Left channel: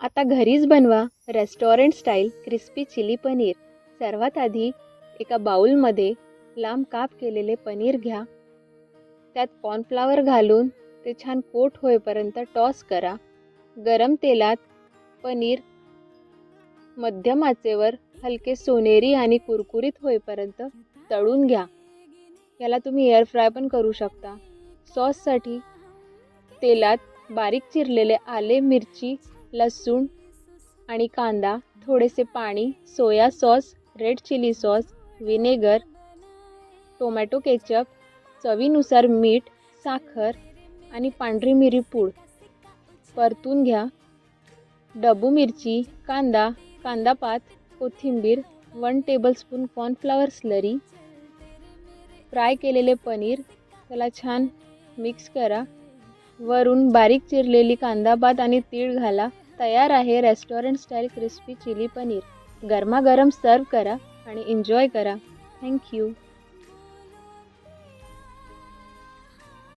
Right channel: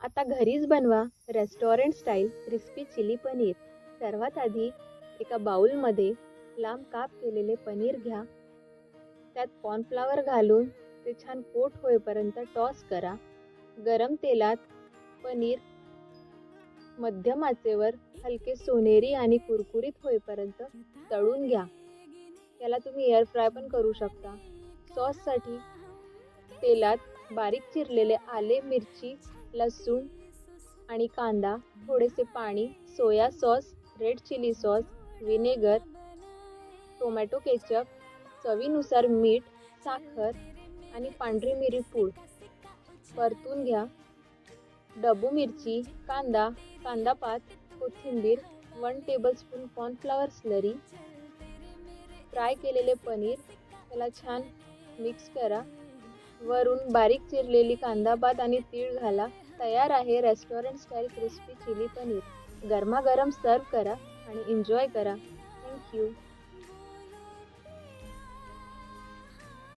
आता घरीच बनवा restaurant style crispy chilli paneer. सर्वात आधी एका बाउलमध्ये लांब काप केलेले पनीर घ्या. त्यात कॉर्नफ्लॉवर घालून ते छान कोट होईपर्यंत टॉस करा. गरम तेलात पनीर मध्यम आचेवर हलके सोनेरी आणि कुरकुरीत होईपर्यंत तळून घ्या. याला तुम्ही एअर फ्राय पण करू शकता. सॉससाठी तेलात बारीक चिरलेले आले, मिरची, लसूण आणि कांदा, थोडेसे पाणी, soya sauce, red chilli sauce, vinegar, tomato ketchup, चवीनुसार मीठ, साखर आणि पांढरी मिरी पूड परतून घ्या. डब्बू मिरची, कांदा, कांदापात, कोथिंबीर, 1 टेबलस्पून कॉर्नफ्लॉवर स्लरी, फ्राय केलेले पनीर त्याला छान मिक्स करा. वरून बारीक चिरलेली कांदापात आणि तीळ घाला. तयार आहे restaurant style crispy chilli paneer. गरमागरम सर्व करा आणि एन्जॉय करा. थँक्यू.